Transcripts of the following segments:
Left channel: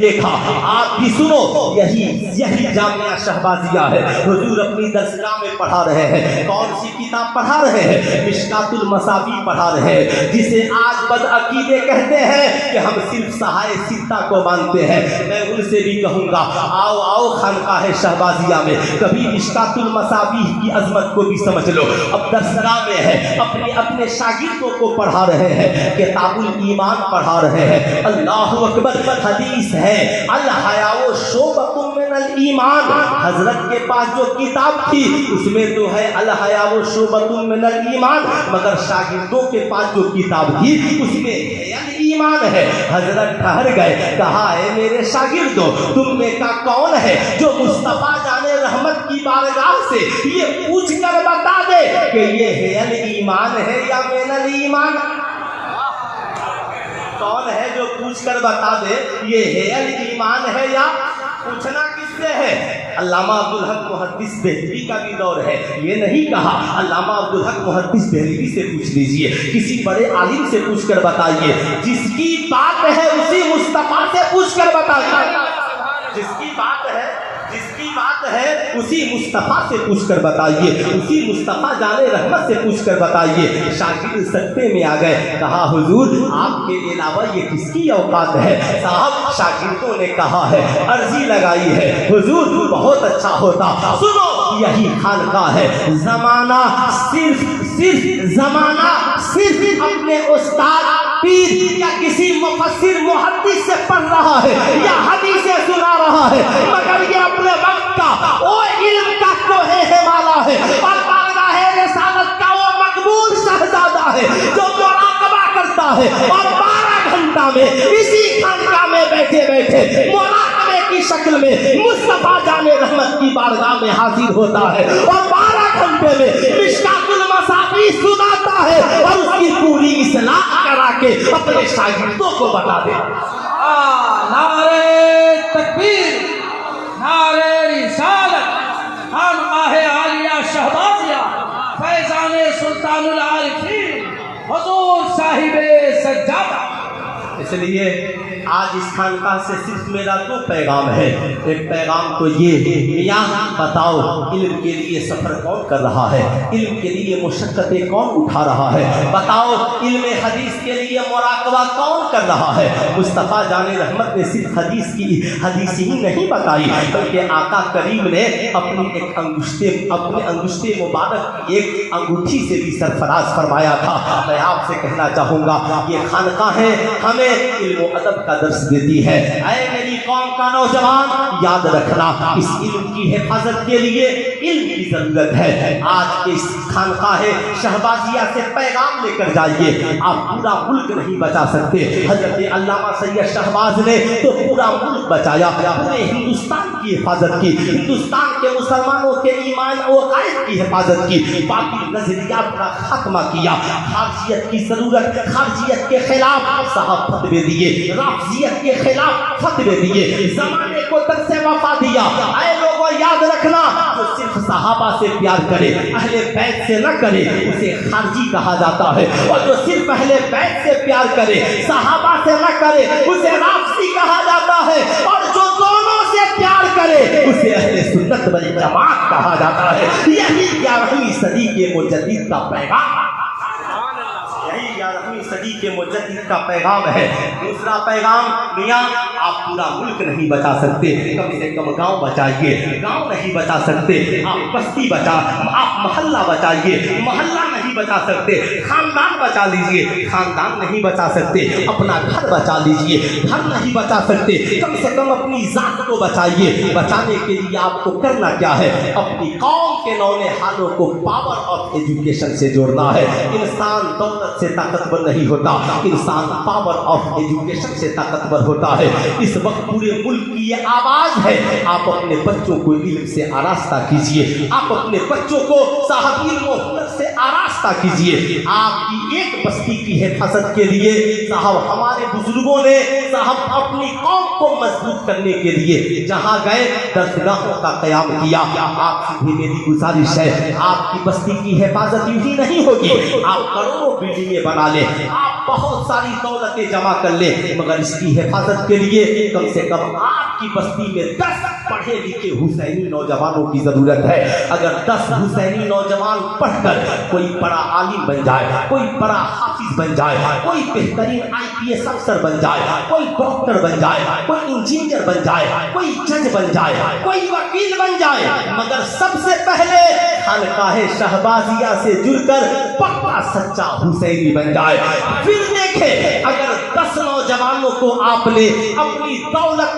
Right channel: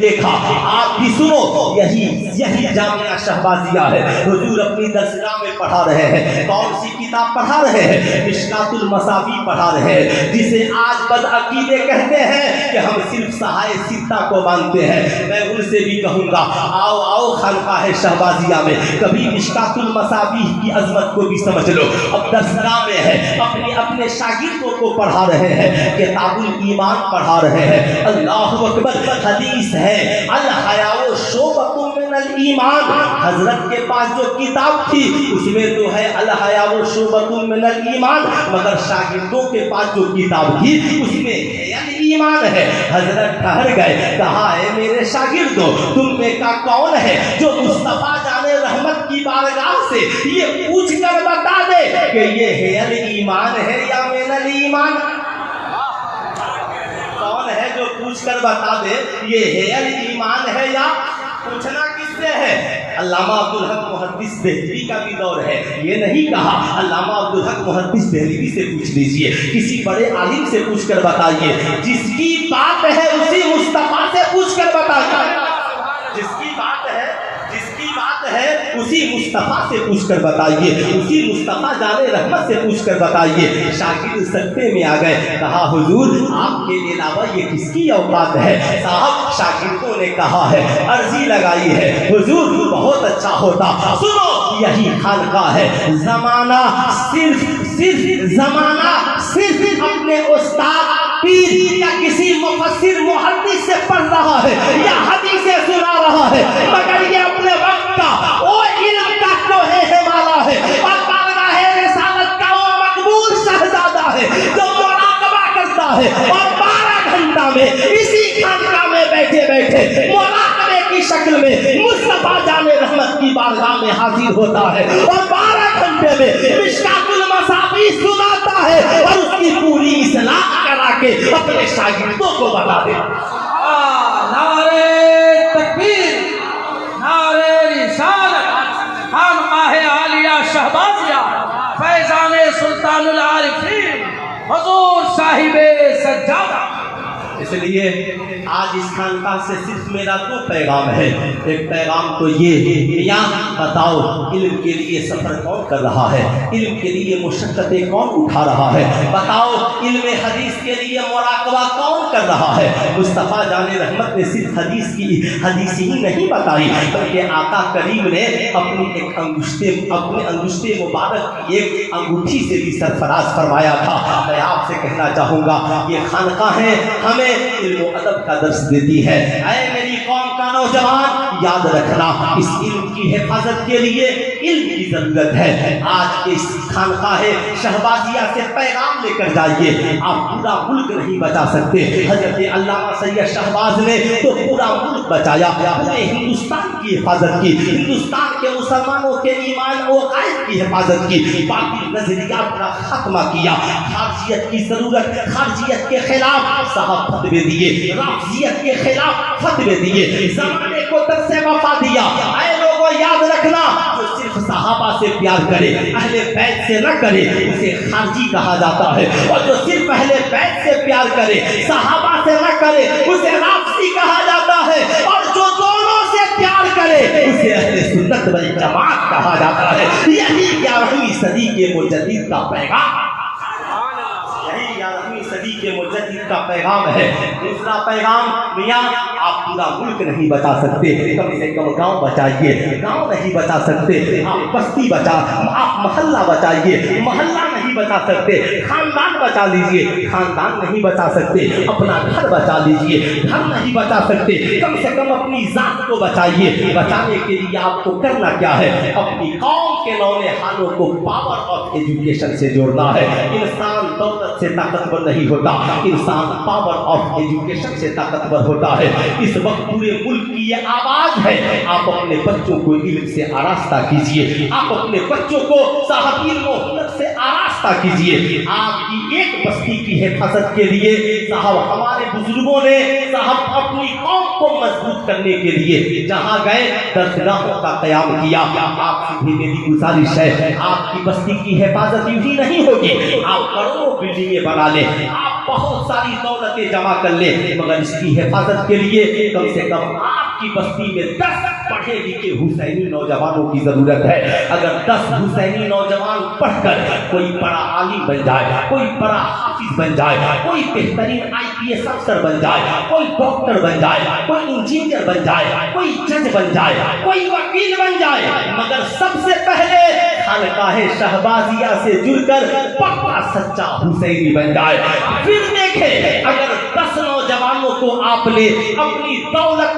دیکھا. آپ بھی سنو, یہی جامعہ شہبازیہ ہے. حضور اپنی درسگاہ میں پڑھا رہے ہیں. کون سی کتاب پڑھا رہے ہیں؟ مشکات المصابیح پڑھا رہے ہیں, جسے آج بدعقیدے کہتے ہیں کہ ہم صرف سہائے ستہ کو مانتے ہیں. میں ان سے بھی کہوں گا, آؤ خانقاہ شہبازیہ میں کبھی مشکات المصابیح کی عظمت کو بھی سمجھ لو. اب درسگاہ میں ہے, اپنے شاگردوں کو پڑھا رہے ہیں, کتاب الایمان پڑھا رہے ہیں. اللہ اکبر. حدیث ہے الحیاء شعبۃ من الایمان. حضرت کے پاس جو کتاب تھی اس میں تو ہے الحیاء شعبۃ من الایمان, مگر شاگردوں کے پاس جو کتاب تھی اس میں ایمان ہے. حضرت ٹھہر گئے, کہا ہے میرے شاگردوں, تم میں کا کون ہے جو مصطفیٰ جان رحمت کی بارگاہ سے یہ پوچھ کر بتا دے کہ یہ ہے الایمان ہے یا من الایمان؟ کون ہے جو پوچھ کر بتا دے یہ ہے الایمان ہے یا؟ پوچھنا کس سے ہے؟ علامہ عبدالحق محدث دہلوی کا بھی دور ہے. یہ نہیں کہا علامہ عبدالحق محدث دہلوی سے پوچھ لیجئے, کسی بڑے عالم سے پوچھ کر بتائیے. جس کی بات ہے اسی مصطفیٰ سے پوچھ کر بتائیے. جس کی بات ہے اسی مصطفیٰ سے پوچھ کر بتائیے, اسی مصطفیٰ جان رحمت سے پوچھ کر بتائیے. شاگرد سکتے میں آ گئے, کہا حضور آپ کے علاوہ یہ کس کی اوقات ہے؟ صاحب شاگردوں نے کہا ہے, عرضی لگائی ہے, حضور بہت اچھا ہوتا, سنو یہی خانقاہ ہے. زمانہ صرف اپنے استاد پیر یا کسی مفسر محدث سے پڑھ رہا ہے یا حدیثیں سنا رہا ہے, مگر یہ اپنے وقت کا وہ علم کا کوہ ہمالا ہے اور بارگاہ رسالت کا وہ مقبول شہزادہ ہے جو مراقبہ کرتا ہے اور 12 گھنٹہ میں اسی خانقاہ میں بیٹھے مراقبے کی شکل میں مصطفیٰ جان رحمت کی بارگاہ میں حاضر ہوتا ہے اور 12 گھنٹے میں مشکات المصابیح سناتا ہے اور اس کی پوری اصلاح کرا کے اپنے شاگردوں کو بتا دے. نعرہ تکبیر, نعرہ رسالت, خانقاہ عالیہ شہبازیہ, فیضان سلطان العارفین, حضور صاحب سجادہ. اس لیے آج اس خانقاہ سے صرف میرا 2 پیغام ہے. ایک پیغام تو یہ, یا بتاؤ علم کے لیے سفر کون کر رہا ہے؟ علم کے لیے مشقتیں کون اٹھا رہا ہے؟ بتاؤ علم حدیث کے لیے مراقبہ کون کر رہا ہے؟ مصطفیٰ جان رحمت نے صرف حدیث ہی نہیں بتائی, بلکہ آقا کریم نے اپنے انگشتے مبارک کی ایک انگوٹھی سے بھی سرفراز فرمایا تھا. میں آپ سے کہنا چاہوں گا یہ خانقاہیں ہمیں علم و ادب کا درس دیتی ہے. اے میری قوم کا نوجوان, یاد رکھنا اس علم کی حفاظت کے لیے علم کی ضرورت ہے. آج کے اس خانقاہ شہبازیہ سے پیغام لے کر جائیے. آپ پورا ملک نہیں بچا سکتے. حضرت علامہ سید شہباز نے تو پورا ملک بچایا, پورے ہندوستان کی حفاظت کی, ہندوستان کے مسلمانوں کے ایمان و عقائد کی حفاظت کی, باقی نظریات کا خاتمہ کیا. خارجیت کی ضرورت, خارجیت کے خلاف صاحب فتوے دیے, رافضیت کے خلاف فتوے دیے, زمانے کو درس وفا دیا. اے لوگوں یاد رکھنا, جو صرف صحابہ سے پیار کرے, اہل بیت سے نہ کرے, اسے خارجی کہا جاتا ہے, اور جو صرف اہل بیت سے پیار کرے, صحابہ سے نہ کرے, اسے رافضی کہا جاتا ہے, اور جو دونوں سے پیار کرے اسے اہل سنت والجماعت کہا جاتا ہے. یہی 11ویں صدی کے مجدد کا پیغام, صدی کے مجدد کا پیغام ہے. دوسرا پیغام, میاں آپ پورا ملک نہیں بچا سکتے, کم سے کم گاؤں بچائیے. گاؤں نہیں بچا سکتے, آپ بستی آپ محلہ بچائیے. محلہ نہیں بچا سکتے, خاندان بچا لیجئے. خاندان نہیں بچا سکتے, اپنا گھر بچا لیجئے. گھر نہیں بچا سکتے, کم سے کم اپنی ذات کو بچائیے. بچانے کے لیے آپ کو کرنا کیا ہے؟ اپنی قوم کے نونہالوں کو پاور آف ایجوکیشن سے جوڑنا ہے. انسان دولت سے طاقتور نہیں ہوتا, انسان پاور آف ایجوکیشن سے طاقتور ہوتا ہے. اس وقت پورے ملک کی یہ آواز ہے, آپ اپنے بچوں کو علم سے آراستہ کیجئے. آپ اپنے بچوں کو صاحب علم و ہنر سے آراستہ کیجئے. آپ کی ایک بستی کی حفاظت کے لیے صاحب ہمارے بزرگوں نے صاحب اپنی قوم کو مضبوط کرنے کے لیے جہاں گئے درسگاہوں کا قیام کیا. آپ سے بھی میری گزارش ہے, آپ کی بستی کی حفاظت یوں ہی نہیں ہوگی. آپ کروڑوں بلڈنگیں بنا لیں, آپ آپ بہت ساری دولتیں جمع کر لیں، مگر اس کی حفاظت کے لیے کم سے کم آپ کی بستی میں 10 پڑھے لکھے حسینی نوجوانوں کی ضرورت ہے۔ اگر 10 حسینی نوجوان پڑھ کر کوئی بڑا عالم بن جائے، کوئی بڑا حافظ بن جائے، کوئی بہترین IPS افسر بن جائے، کوئی ڈاکٹر بن جائے، کوئی انجینئر بن جائے، کوئی جج بن جائے، کوئی وکیل بن جائے، مگر سب سے پہلے خانقاہ شہبازیہ سے جڑ کر پکا سچا حسینی بن جائے۔ پھر دیکھیں اگر 10 نوجوانوں کو آپ نے اپنی دولت،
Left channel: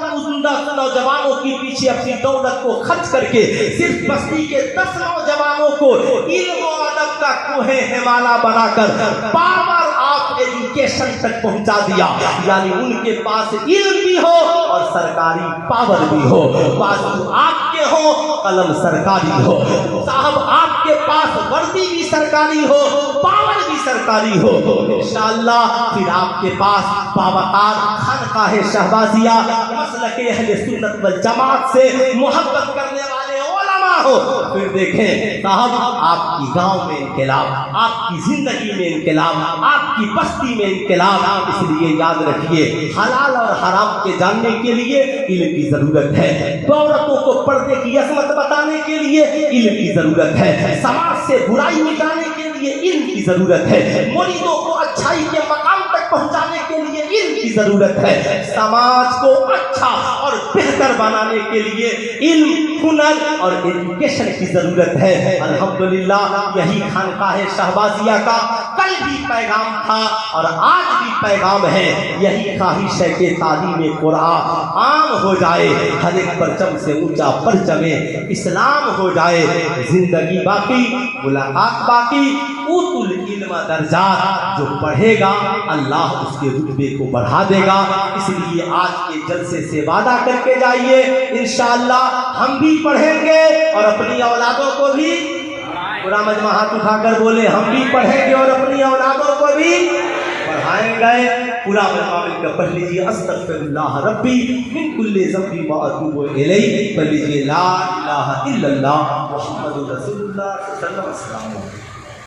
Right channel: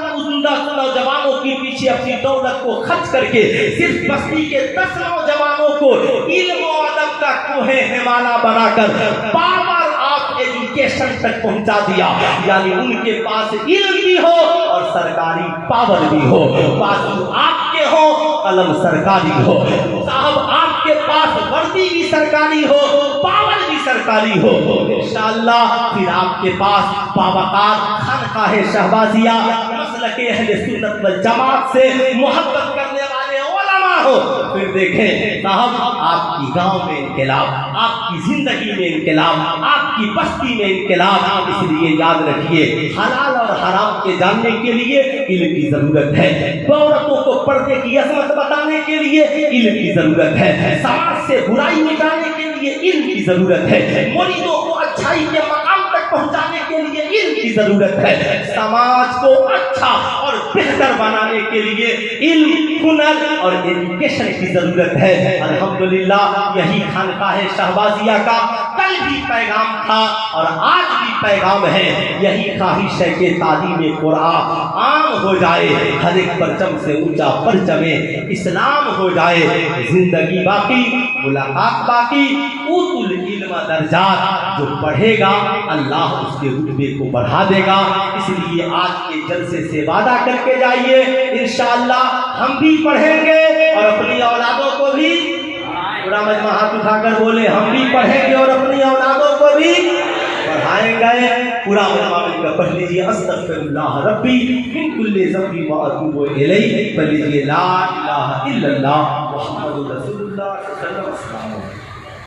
نوجوانوں کے پیچھے اپنی دولت کو خرچ کر کے صرف بستی کے 10 نوجوانوں کو علم و ادب کا کوہ ہمالا بنا کر پاور آف ایجوکیشن تک پہنچا دیا، یعنی ان کے پاس علم بھی ہو اور سرکاری پاور بھی ہو، بازو آپ کے ہو، قلم سرکاری ہو، صاحب آپ کے پاس وردی بھی سرکاری ہو، پاور بھی سرکاری ہو، انشاءاللہ پھر آپ کے پاس باوقار خانقاہ شہبازیہ مسلک اہل سنت والجماعت سے محبت کرنے والے علماء ہو۔ پھر دیکھیں صاحب آپ کی گاؤں میں انقلاب، آپ کی زندگی میں انقلاب، آپ کی بستی میں انقلاب۔ اس لیے یاد رکھیے حلال اور حرام کے جاننے کے لیے علم کی ضرورت ہے، عورتوں کو پردے کی عظمت بتانے کے لیے علم کی ضرورت ہے، سماج سے برائی مٹانے کے لیے علم کی ضرورت ہے، مریدوں کو اچھائی کے مقام تک پہنچانے کے لیے علم کی ضرورت ہے، سماج کو اچھا اور بہتر بنانے کے لیے علم، ہنر اور ایجوکیشن کی ضرورت ہے۔ الحمدللہ یہی خانقاہ شہبازیہ کا کل بھی پیغام تھا اور آج بھی پیغام ہے، یہی خواہش ہے کہ تعلیم قرآن عام ہو جائے، ہر ایک پرچم سے اونچا پرچم اسلام ہو جائے، زندگی باقی ملاقات باقی، اوت العلم درجات، جو پڑھے گا اللہ اس کے رتبے کو بڑھا دے گا۔ اس لیے آج کے جلسے سے وعدہ کر کے جائیے انشاءاللہ ہم بھی پڑھیں گے اور اپنی اولادوں کو بھی، پورا مجمع ہاتھ اٹھا کر بولے ہم بھی پڑھیں گے اور اپنی اولادوں کو بھی پڑھائیں گے۔ پورا مجمع مل کر پڑھ لیجیے استغفر اللہ ربی من کل ذنب واتوب الیہ، پڑھ لیجیے لا الہ الا اللہ محمد رسول اللہ صلی اللہ علیہ وسلم۔